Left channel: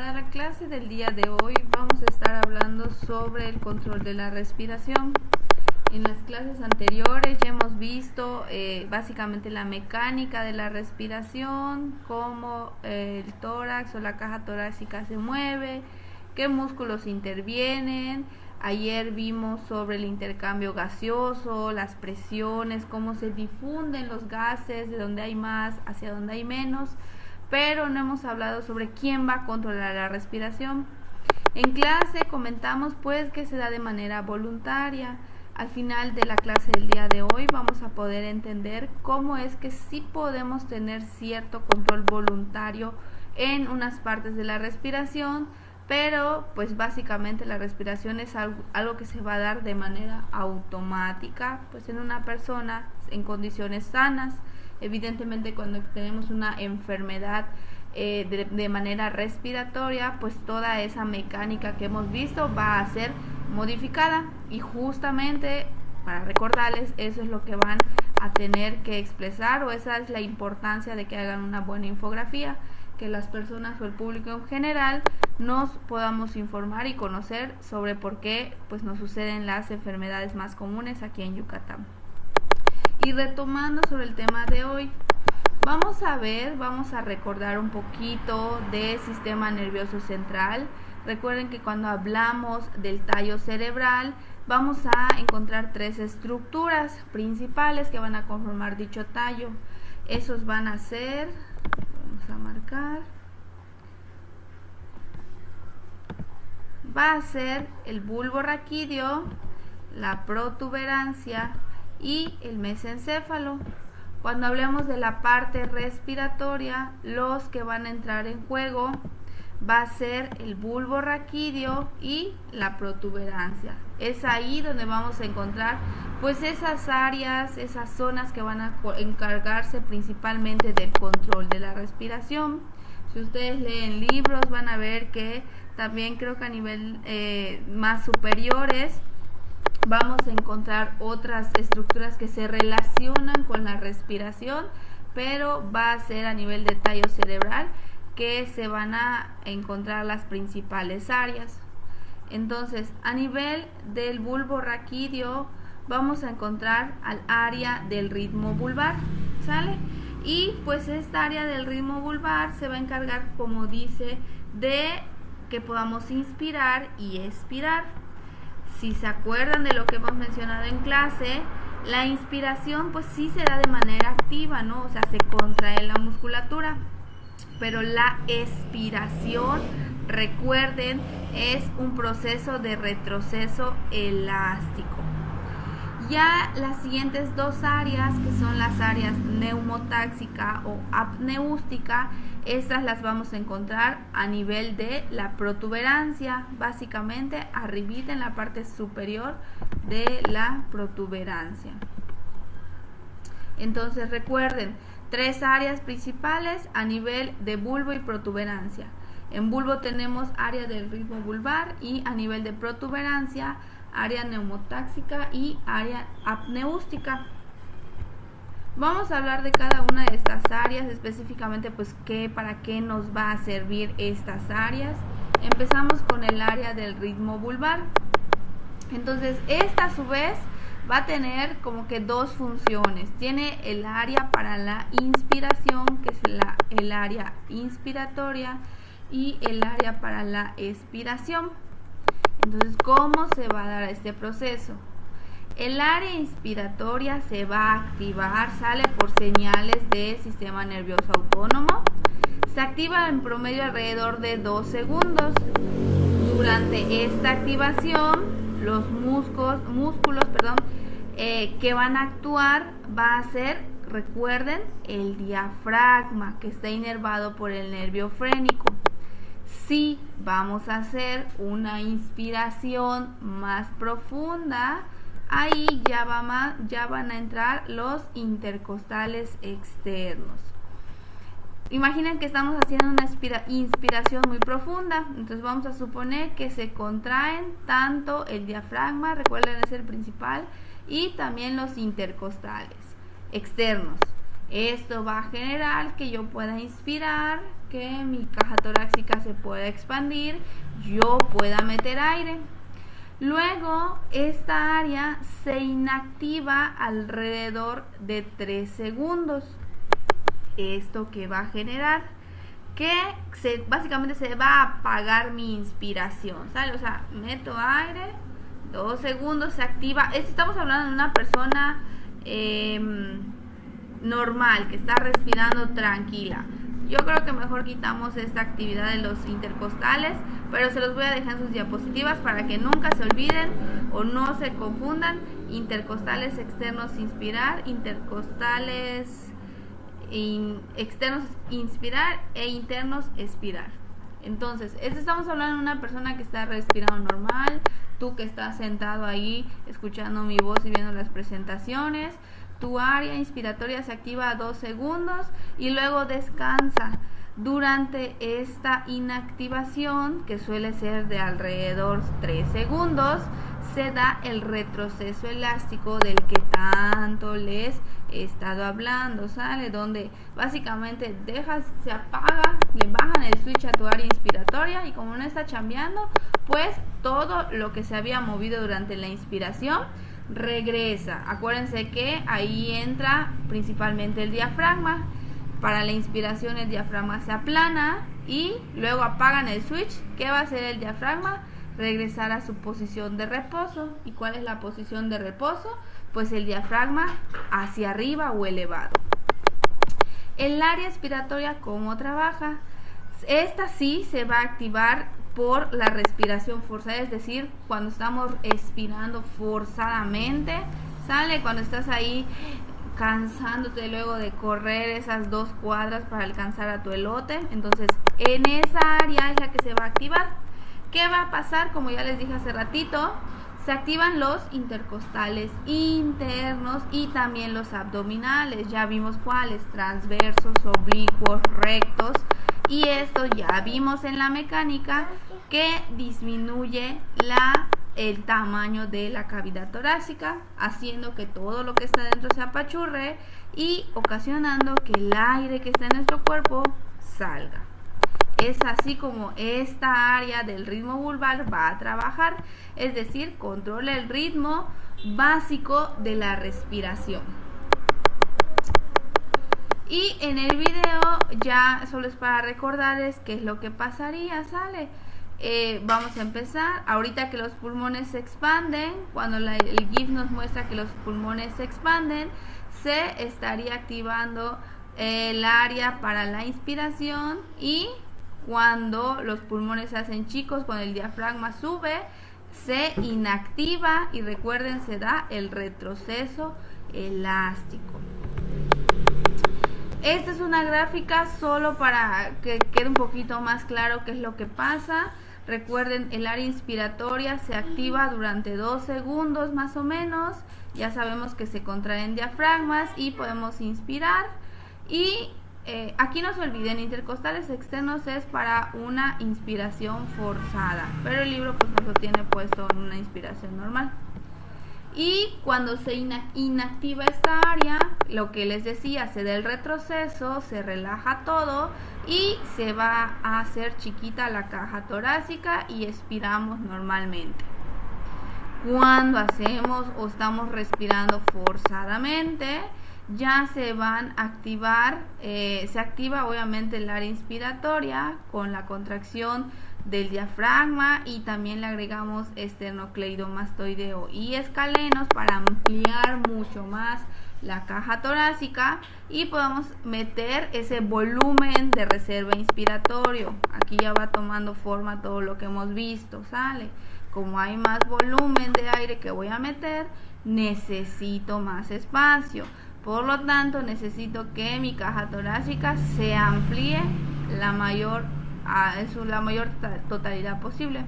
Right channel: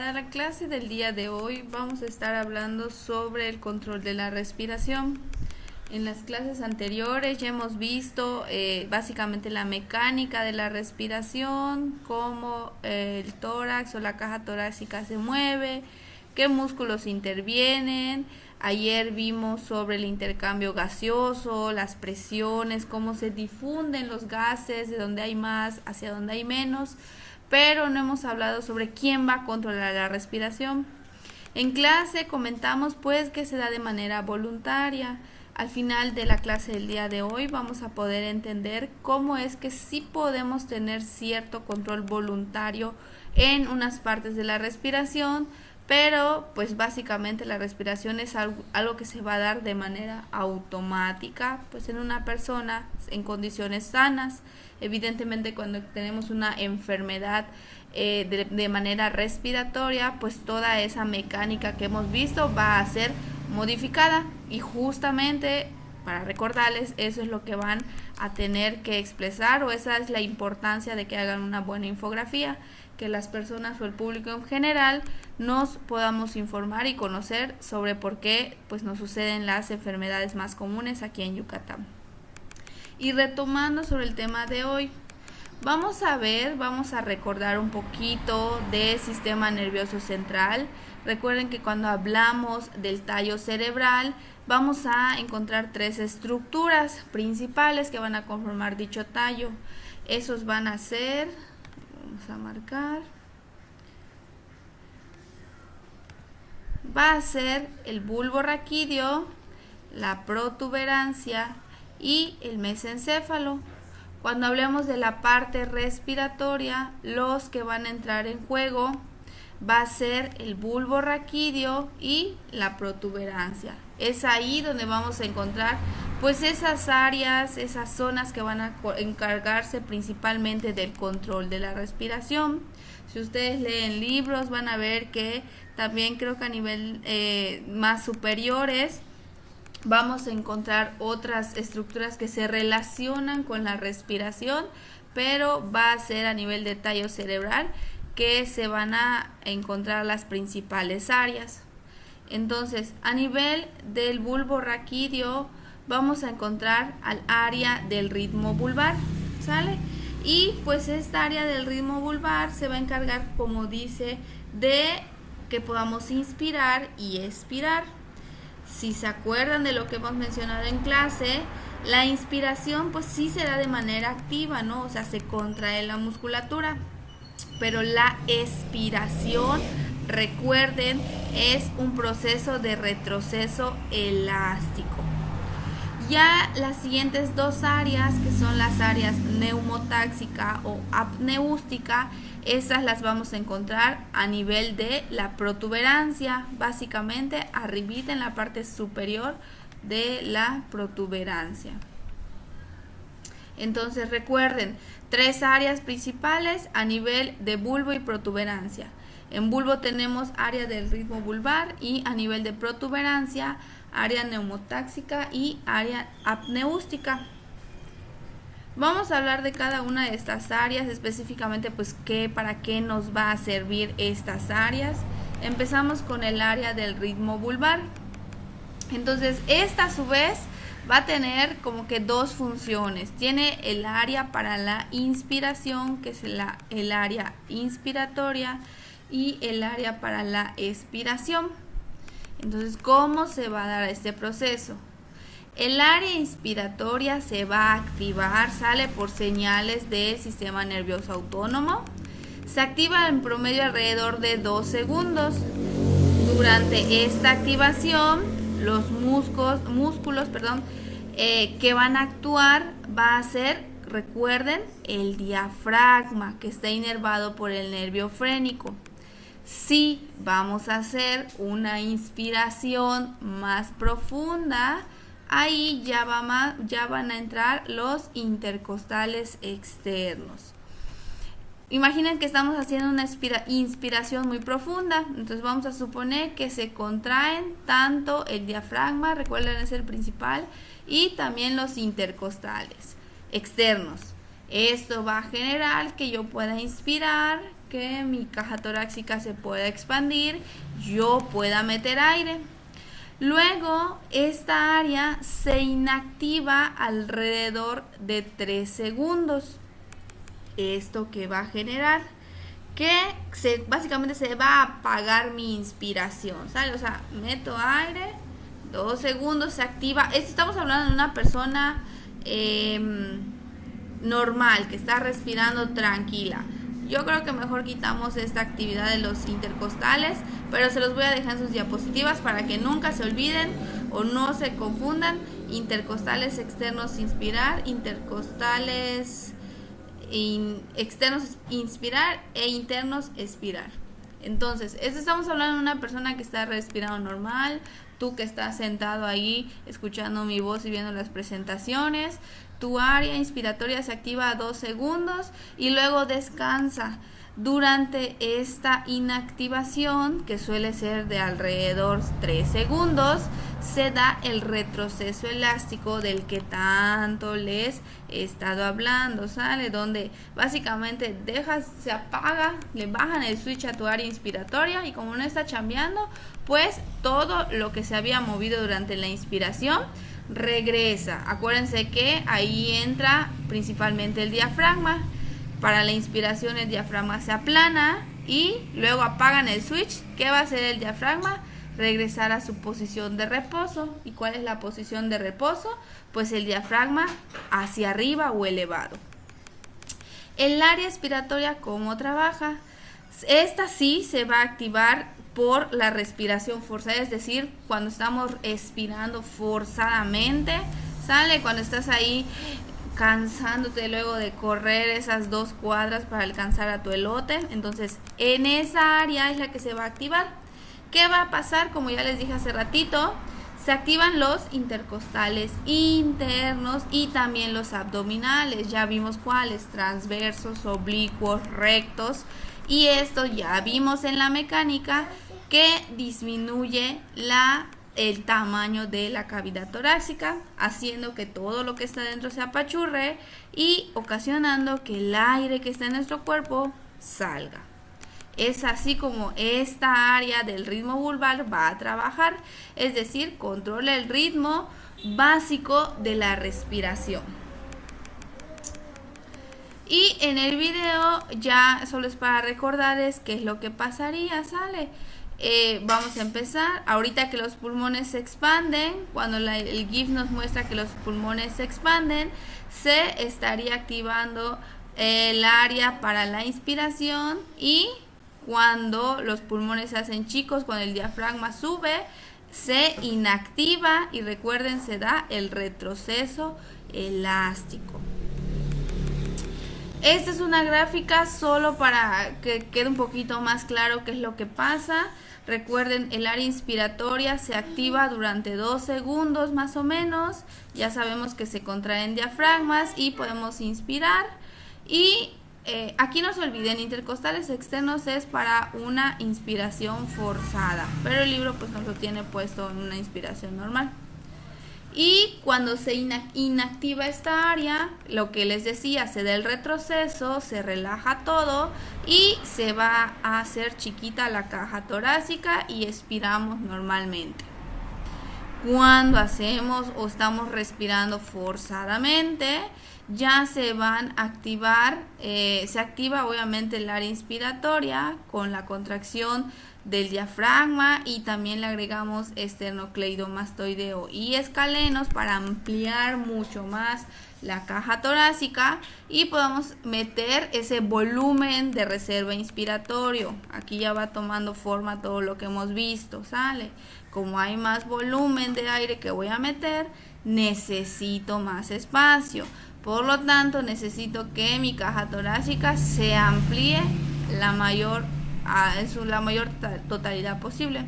Para la clase del día de hoy vamos a estar hablando sobre el control de la respiración. En las clases anteriores ya hemos visto básicamente la mecánica de la respiración, cómo el tórax o la caja torácica se mueve, qué músculos intervienen. Ayer vimos sobre el intercambio gaseoso, las presiones, cómo se difunden los gases, de donde hay más hacia donde hay menos, pero no hemos hablado sobre quién va a controlar la respiración. En clase comentamos pues que se da de manera voluntaria. Al final de la clase del día de hoy vamos a poder entender cómo es que sí podemos tener cierto control voluntario en unas partes de la respiración, pero pues básicamente la respiración es algo que se va a dar de manera automática pues en una persona en condiciones sanas. Evidentemente cuando tenemos una enfermedad de manera respiratoria, pues toda esa mecánica que hemos visto va a ser modificada, y justamente para recordarles eso es lo que van a tener que expresar, o esa es la importancia de que hagan una buena infografía, que las personas o el público en general nos podamos informar y conocer sobre por qué pues nos suceden las enfermedades más comunes aquí en Yucatán. Y retomando sobre el tema de hoy, vamos a recordar un poquito del sistema nervioso central. Recuerden que cuando hablamos del tallo cerebral vamos a encontrar tres estructuras principales que van a conformar dicho tallo. Esos van a ser, vamos a marcar, va a ser el bulbo raquídeo, la protuberancia y el mesencéfalo. Cuando hablemos de la parte respiratoria, los que van a entrar en juego va a ser el bulbo raquídeo y la protuberancia. Es ahí donde vamos a encontrar pues esas áreas, esas zonas que van a encargarse principalmente del control de la respiración. Si ustedes leen libros van a ver que también creo que a nivel más superiores vamos a encontrar otras estructuras que se relacionan con la respiración, pero va a ser a nivel de tallo cerebral que se van a encontrar las principales áreas. Entonces, a nivel del bulbo raquídeo vamos a encontrar al área del ritmo vulvar, ¿sale? Y pues esta área del ritmo vulvar se va a encargar, como dice, de que podamos inspirar y expirar. Si se acuerdan de lo que hemos mencionado en clase, la inspiración pues sí se da de manera activa, ¿no? O sea, se contrae la musculatura. Pero la expiración, recuerden, es un proceso de retroceso elástico. Ya las siguientes dos áreas, que son las áreas neumotáxica o apneústica, esas las vamos a encontrar a nivel de la protuberancia, básicamente arribita en la parte superior de la protuberancia. Entonces recuerden, tres áreas principales a nivel de bulbo y protuberancia. En bulbo tenemos área del ritmo vulvar y a nivel de protuberancia, área neumotáxica y área apneústica. Vamos a hablar de cada una de estas áreas, específicamente pues para qué nos va a servir estas áreas. Empezamos con el área del ritmo vulvar. Entonces esta a su vez va a tener como que dos funciones. Tiene el área para la inspiración, que es el área inspiratoria, y el área para la expiración. Entonces, ¿cómo se va a dar este proceso? El área inspiratoria se va a activar, sale por señales del sistema nervioso autónomo. Se activa en promedio alrededor de 2 segundos. Durante esta activación, los músculos que van a actuar va a ser, recuerden, el diafragma, que está inervado por el nervio frénico. Si vamos a hacer una inspiración más profunda, ahí ya van a entrar los intercostales externos. Imaginen que estamos haciendo una inspiración muy profunda, entonces vamos a suponer que se contraen tanto el diafragma, recuerden es el principal, y también los intercostales externos. Esto va a generar que yo pueda inspirar que mi caja torácica se pueda expandir, yo pueda meter aire. Luego, esta área se inactiva alrededor de 3 segundos. ¿Esto qué va a generar? Que básicamente se va a apagar mi inspiración, ¿sale? O sea, meto aire, 2 segundos, se activa. Estamos hablando de una persona normal, que está respirando tranquila. Yo creo que mejor quitamos esta actividad de los intercostales, pero se los voy a dejar en sus diapositivas para que nunca se olviden o no se confundan. Intercostales externos inspirar, intercostales externos inspirar e internos expirar. Entonces, estamos hablando de una persona que está respirando normal, tú que estás sentado ahí escuchando mi voz y viendo las presentaciones. Tu área inspiratoria se activa a 2 segundos y luego descansa. Durante esta inactivación, que suele ser de alrededor 3 segundos, se da el retroceso elástico del que tanto les he estado hablando, ¿sale? Donde básicamente se apaga, le bajan el switch a tu área inspiratoria y como no está chambeando, pues todo lo que se había movido durante la inspiración regresa. Acuérdense que ahí entra principalmente el diafragma. Para la inspiración el diafragma se aplana y luego apagan el switch. ¿Qué va a hacer el diafragma? Regresar a su posición de reposo. ¿Y cuál es la posición de reposo? Pues el diafragma hacia arriba o elevado. El área expiratoria, ¿cómo trabaja? Esta sí se va a activar por la respiración forzada, es decir, cuando estamos expirando forzadamente, ¿sale? Cuando estás ahí cansándote luego de correr esas 2 cuadras para alcanzar a tu elote, entonces en esa área es la que se va a activar. ¿Qué va a pasar? Como ya les dije hace ratito, se activan los intercostales internos y también los abdominales. Ya vimos cuáles: transversos, oblicuos, rectos. Y esto ya vimos en la mecánica que disminuye el tamaño de la cavidad torácica, haciendo que todo lo que está dentro se apachurre y ocasionando que el aire que está en nuestro cuerpo salga. Es así como esta área del ritmo vulvar va a trabajar, es decir, controla el ritmo básico de la respiración. Y en el video ya solo es para recordarles qué es lo que pasaría, ¿sale? Vamos a empezar. Ahorita que los pulmones se expanden, cuando el GIF nos muestra que los pulmones se expanden, se estaría activando el área para la inspiración, y cuando los pulmones se hacen chicos, cuando el diafragma sube, se inactiva y recuerden, se da el retroceso elástico. Esta es una gráfica solo para que quede un poquito más claro qué es lo que pasa. Recuerden, el área inspiratoria se activa durante 2 segundos más o menos. Ya sabemos que se contraen diafragmas y podemos inspirar. Y aquí no se olviden, intercostales externos es para una inspiración forzada, pero el libro pues nos lo tiene puesto en una inspiración normal. Y cuando se inactiva esta área, lo que les decía, se da el retroceso, se relaja todo y se va a hacer chiquita la caja torácica y expiramos normalmente. Cuando hacemos o estamos respirando forzadamente, ya se van a activar, se activa obviamente el área inspiratoria con la contracción del diafragma, y también le agregamos esternocleidomastoideo y escalenos para ampliar mucho más la caja torácica y podamos meter ese volumen de reserva inspiratorio. Aquí ya va tomando forma todo lo que hemos visto, ¿sale? Como hay más volumen de aire que voy a meter, necesito más espacio. Por lo tanto, necesito que mi caja torácica se amplíe la mayor totalidad posible.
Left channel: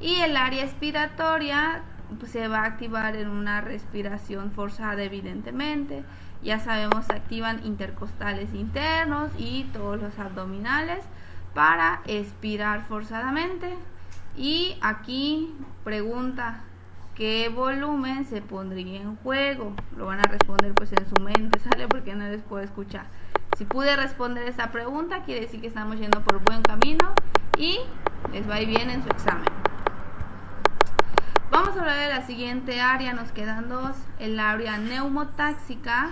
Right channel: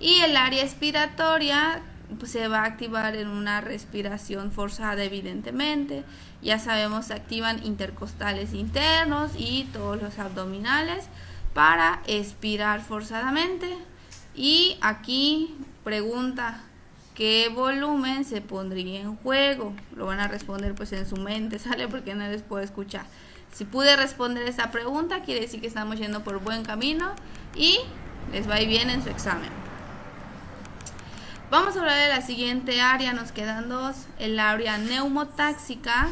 Y el área expiratoria pues, se va a activar en una respiración forzada, evidentemente. Ya sabemos, se activan intercostales internos y todos los abdominales para expirar forzadamente. Y aquí pregunta: ¿qué volumen se pondría en juego? Lo van a responder pues en su mente, ¿sale? Porque no les puedo escuchar. Si pude responder esta pregunta, quiere decir que estamos yendo por buen camino y les va a ir bien en su examen. Vamos a hablar de la siguiente área, nos quedan dos, el área neumotáxica,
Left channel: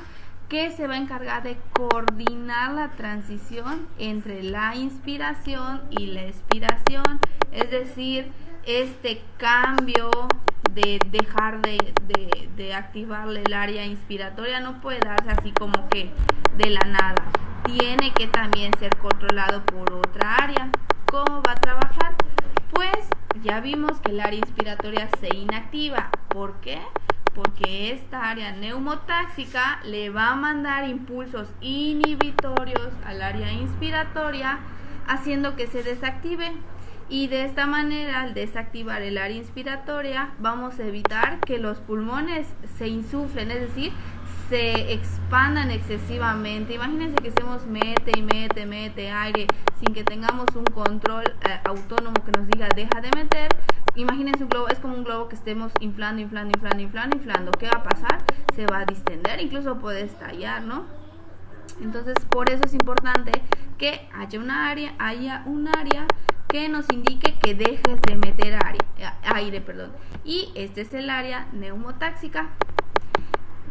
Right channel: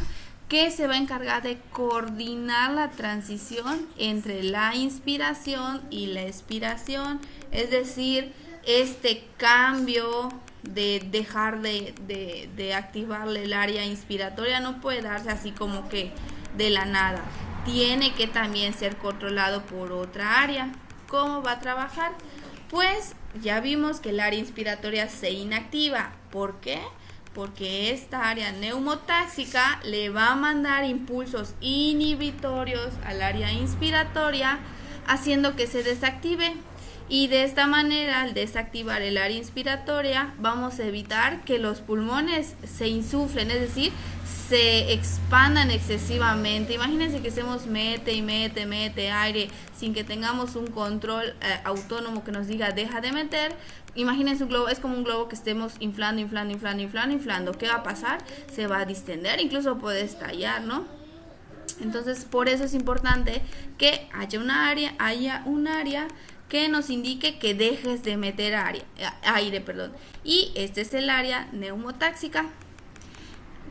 que se va a encargar de coordinar la transición entre la inspiración y la expiración, es decir, este cambio de dejar de activarle el área inspiratoria no puede darse así como que de la nada, tiene que también ser controlado por otra área. ¿Cómo va a trabajar? Pues ya vimos que el área inspiratoria se inactiva. ¿Por qué? Porque esta área neumotáxica le va a mandar impulsos inhibitorios al área inspiratoria, haciendo que se desactive. Y de esta manera, al desactivar el área inspiratoria, vamos a evitar que los pulmones se insuflen, es decir, se expandan excesivamente. Imagínense que estemos mete y mete aire sin que tengamos un control autónomo que nos diga deja de meter. Imagínense un globo, es como un globo que estemos inflando. ¿Qué va a pasar? Se va a distender, incluso puede estallar, ¿no? Entonces, por eso es importante que haya un área que nos indique que dejes de meter aire. Y este es el área neumotáxica.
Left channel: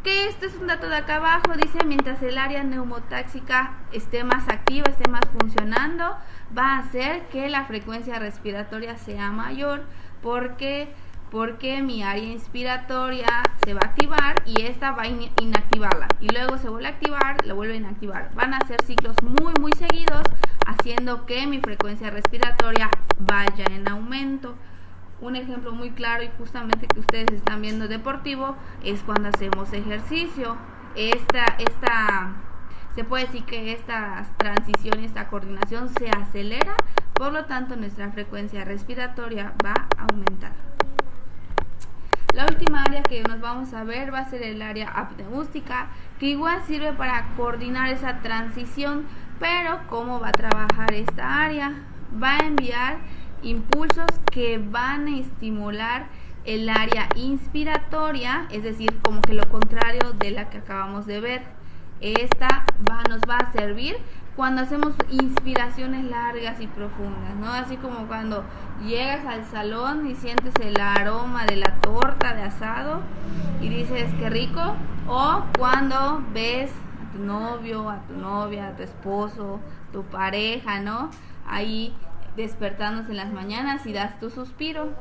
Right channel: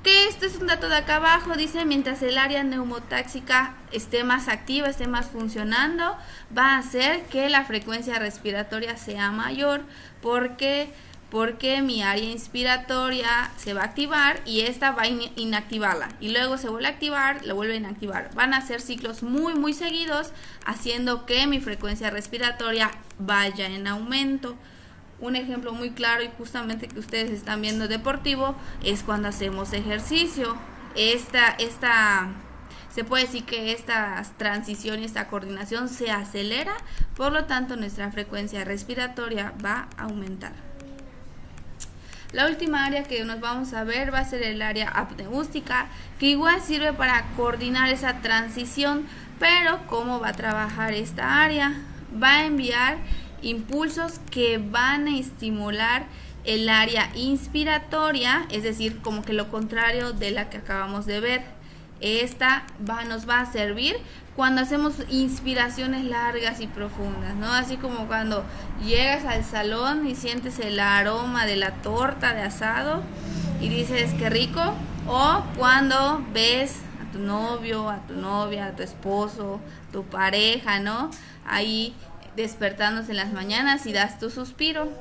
Que este es un dato de acá abajo, dice, mientras el área neumotáxica esté más activa, esté más funcionando, va a hacer que la frecuencia respiratoria sea mayor. Porque mi área inspiratoria se va a activar y esta va a inactivarla. Y luego se vuelve a activar, la vuelve a inactivar. Van a ser ciclos muy seguidos, haciendo que mi frecuencia respiratoria vaya en aumento. Un ejemplo muy claro y justamente que ustedes están viendo deportivo es cuando hacemos ejercicio. Se puede decir que esta transición y esta coordinación se acelera, por lo tanto nuestra frecuencia respiratoria va a aumentar. La última área que nos vamos a ver va a ser el área apneústica, que igual sirve para coordinar esa transición, pero ¿cómo va a trabajar esta área? Va a enviar impulsos que van a estimular el área inspiratoria, es decir, como que lo contrario de la que acabamos de ver. Esta nos va a servir cuando hacemos inspiraciones largas y profundas, ¿no? Así como cuando llegas al salón y sientes el aroma de la torta de asado y dices qué rico, o cuando ves a tu novio, a tu novia, a tu esposo, tu pareja, ¿no? Ahí despertándose en las mañanas y das tu suspiro.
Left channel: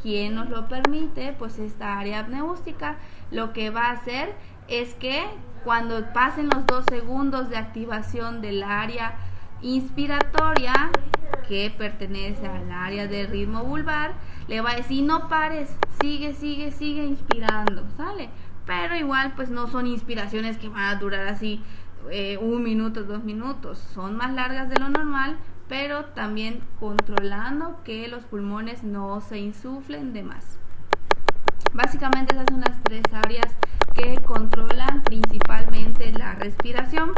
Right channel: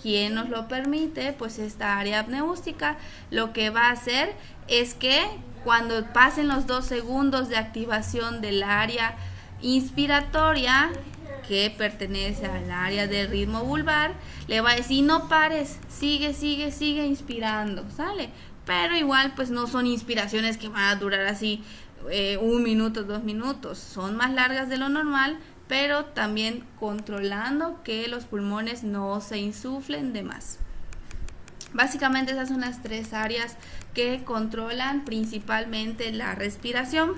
¿Quién nos lo permite? Pues esta área apneústica lo que va a hacer es que cuando pasen los 2 segundos de activación del área inspiratoria, que pertenece al área del ritmo vulvar, le va a decir no pares, sigue inspirando, ¿sale? Pero igual pues no son inspiraciones que van a durar así 1 minuto, 2 minutos, son más largas de lo normal, pero también controlando que los pulmones no se insuflen de más. Básicamente esas son las 3 áreas que controlan principalmente la respiración.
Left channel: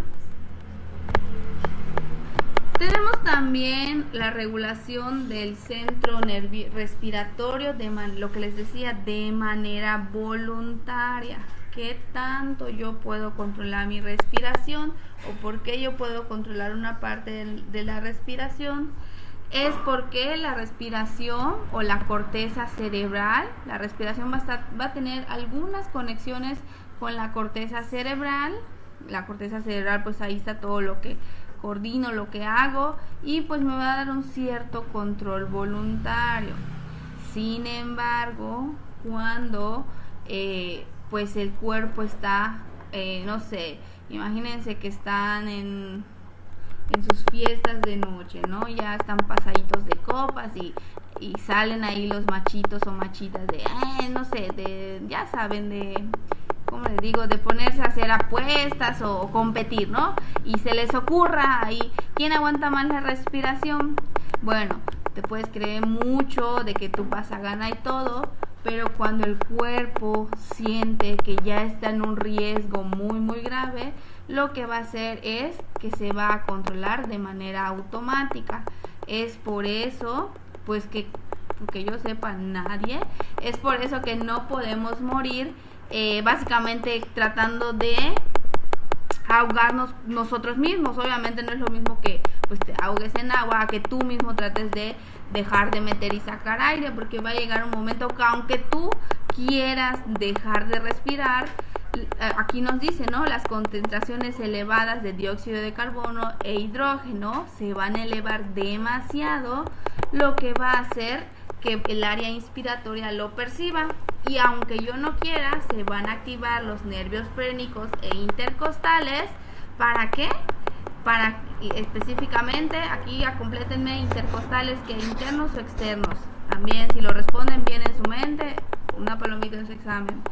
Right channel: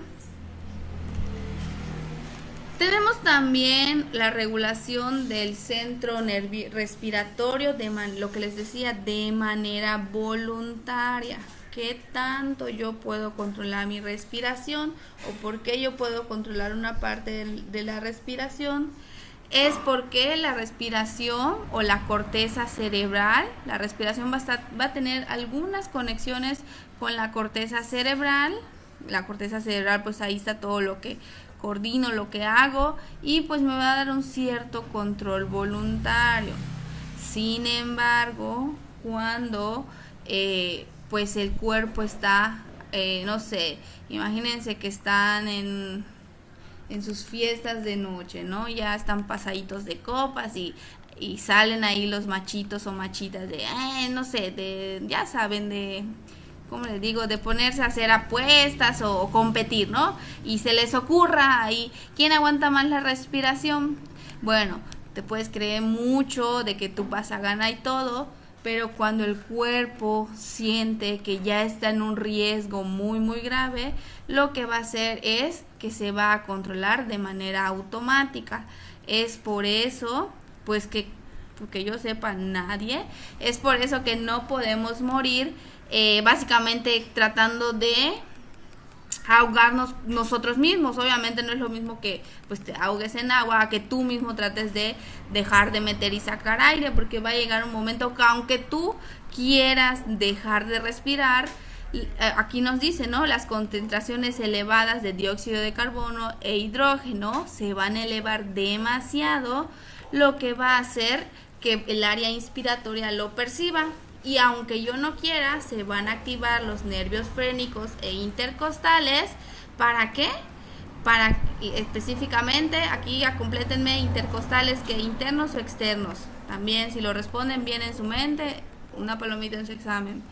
Tenemos también la regulación del centro respiratorio, lo que les decía, de manera voluntaria. ¿Qué tanto yo puedo controlar mi respiración o por qué yo puedo controlar una parte de la respiración? Es porque la respiración o la corteza cerebral, la respiración va a tener algunas conexiones con la corteza cerebral. La corteza cerebral, pues ahí está todo lo que coordino, lo que hago, y pues me va a dar un cierto control voluntario. Sin embargo, cuando pues el cuerpo está, no sé, imagínense que están en sus fiestas de noche, ¿no? Ya están pasaditos de copas y salen ahí los machitos o machitas de, no sé, ya saben, de, ¿cómo les digo? De ponerse a hacer apuestas o competir, ¿no? Y se les ocurra ahí, ¿quién aguanta más la respiración? Bueno, te puedes creer mucho de que tú vas a ganar y todo, pero cuando el cuerpo siente que ya está en un riesgo muy grave, lo que va a hacer es que se va a controlar de manera automática. Es por eso, pues que yo sepa nadie, es por eso que no podemos morir básicamente tratando de ahogarnos nosotros mismos. Obviamente no es lo mismo que pues te ahogues en agua, que tú mismo trates de dejar de meter y sacar aire, porque va a llegar un momento que aunque tú quieras dejar de respirar, aquí nos dice, ¿no? Las concentraciones elevadas de dióxido de carbono e hidrógeno se van a elevar demasiado, lo que va a hacer que el área inspiratoria lo perciba, y aunque yo no quiera, se van a activar los nervios frénicos e intercostales. ¿Para qué? Para específicamente, aquí ya complétenme, intercostales, que internos o externos. También si lo responden bien en su mente, una palomita en su examen.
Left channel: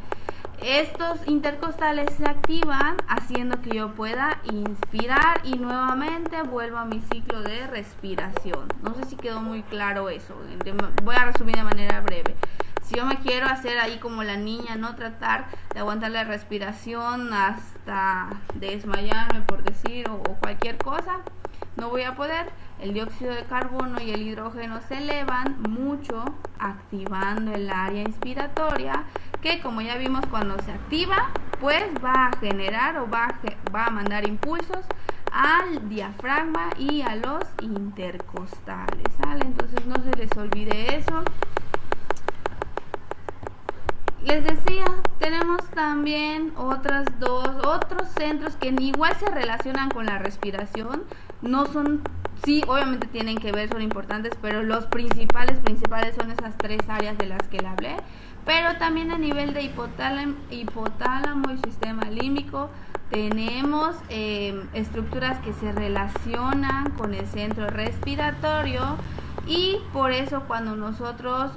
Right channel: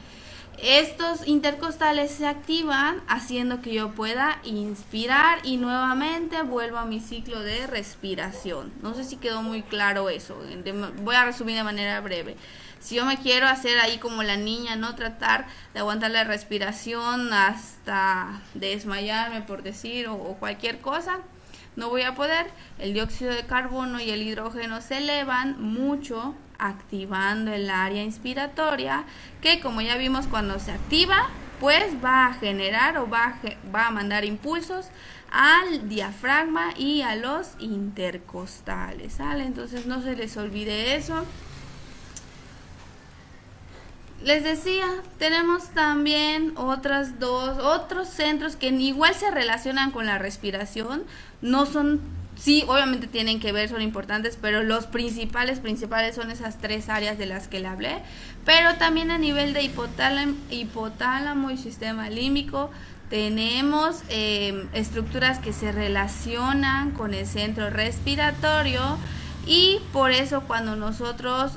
Estos intercostales se activan haciendo que yo pueda inspirar y nuevamente vuelvo a mi ciclo de respiración. No sé si quedó muy claro eso. Voy a resumir de manera breve. Si yo me quiero hacer ahí como la niña, no tratar de aguantar la respiración hasta desmayarme, por decir, o cualquier cosa, no voy a poder. El dióxido de carbono y el hidrógeno se elevan mucho, activando el área inspiratoria, que como ya vimos, cuando se activa, pues va a generar o va a mandar impulsos al diafragma y a los intercostales, ¿sale? Entonces no se les olvide eso. Les decía, tenemos también otros centros que igual se relacionan con la respiración. No son, sí, obviamente tienen que ver, son importantes, pero los principales son esas tres áreas de las que le hablé. Pero también a nivel de hipotálamo y sistema límbico tenemos estructuras que se relacionan con el centro respiratorio, y por eso cuando nosotros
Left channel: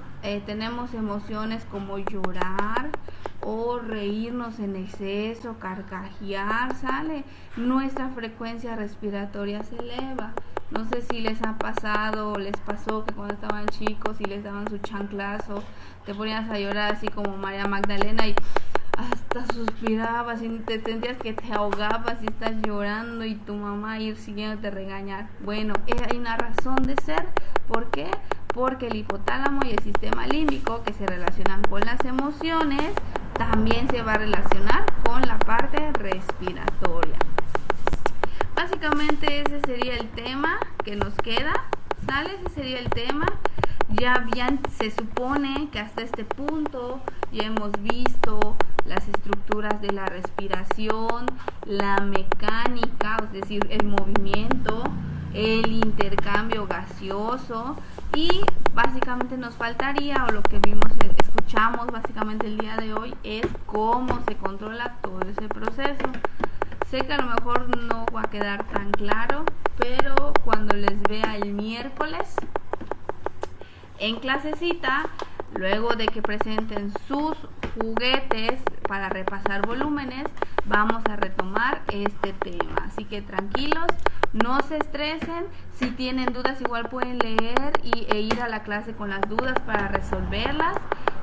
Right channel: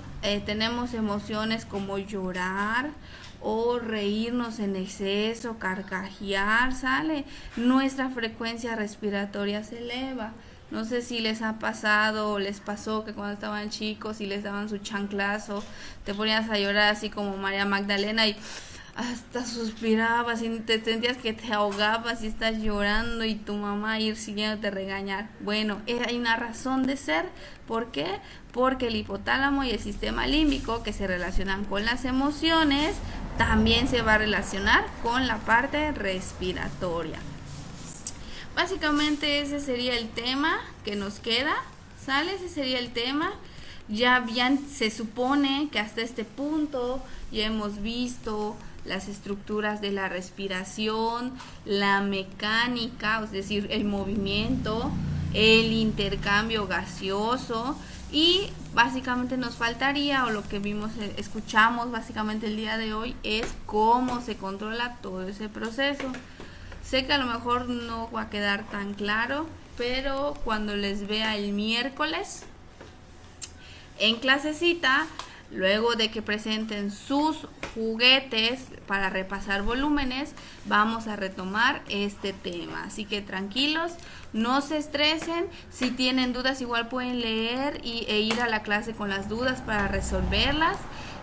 tenemos emociones como llorar o reírnos en exceso, carcajear, ¿sale? Nuestra frecuencia respiratoria se eleva. No sé si les ha pasado o les pasó que cuando estaban chicos y les daban su chanclazo, te ponías a llorar así como María Magdalena y hasta suspirabas y te sentías que te ahogabas y estás llorando y tu mamá ir siguiéndote a regañar. Bueno, hay una razón de ser. ¿Por qué? Porque el hipotálamo y el sistema límbico, que se relacionan con las emociones, también se va a relacionar con la parte respiratoria. Básicamente ese sería el tema que nos queda, ¿sale? Ese sería el tema. Ya bien se supone que hasta este punto ya hemos visto las estructuras de la respiración, la mecánica, es decir, el movimiento, el intercambio gaseoso, y básicamente nos faltaría, o lo que escuchamos básicamente el día de hoy, es cómo se controla todo ese proceso. Sé que a lo mejor no va a quedar tan claro, pero cuando les vea el miércoles en clasecita, luego de que presenten sus juguetes para repasar volúmenes, vamos a retomar este tema. Así que tranquilos, no se estresen. Si tienen dudas, igual pueden leer e ir a la clase con las dudas para resolverlas.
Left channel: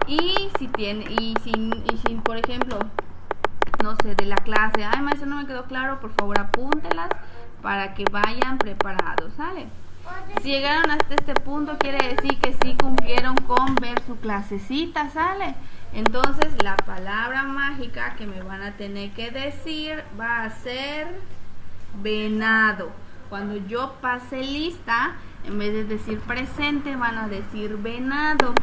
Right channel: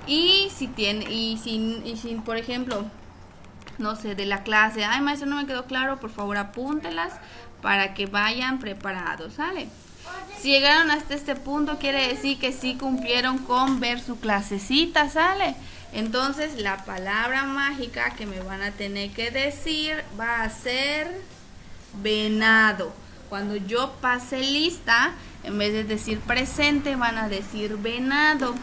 Y si por ejemplo, no sé, de la clase, ay maestro, no me quedó claro, por favor apúntelas para que vayan preparados, ¿sale? Si llegaron hasta este punto, quiere decir que sí cumplieron con ver su clasecita, ¿sale? Entonces la palabra mágica que me van a tener que decir va a ser venado. Cuando yo pase lista, en vez de decir presente, van a decir venado.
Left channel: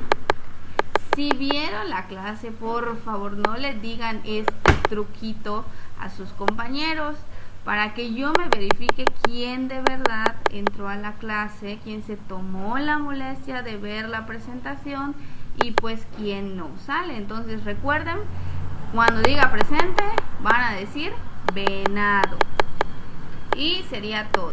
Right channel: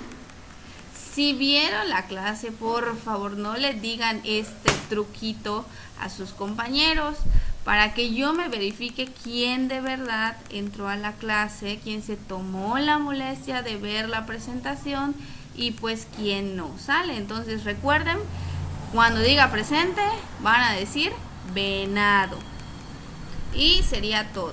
Si vieron la clase, por favor no le digan este truquito a sus compañeros, para que yo me verifique quién de verdad entró a la clase, quién se tomó la molestia de ver la presentación y pues quién no, ¿sale? Entonces recuerden, cuando diga presente van a decir venado. Y sería todo.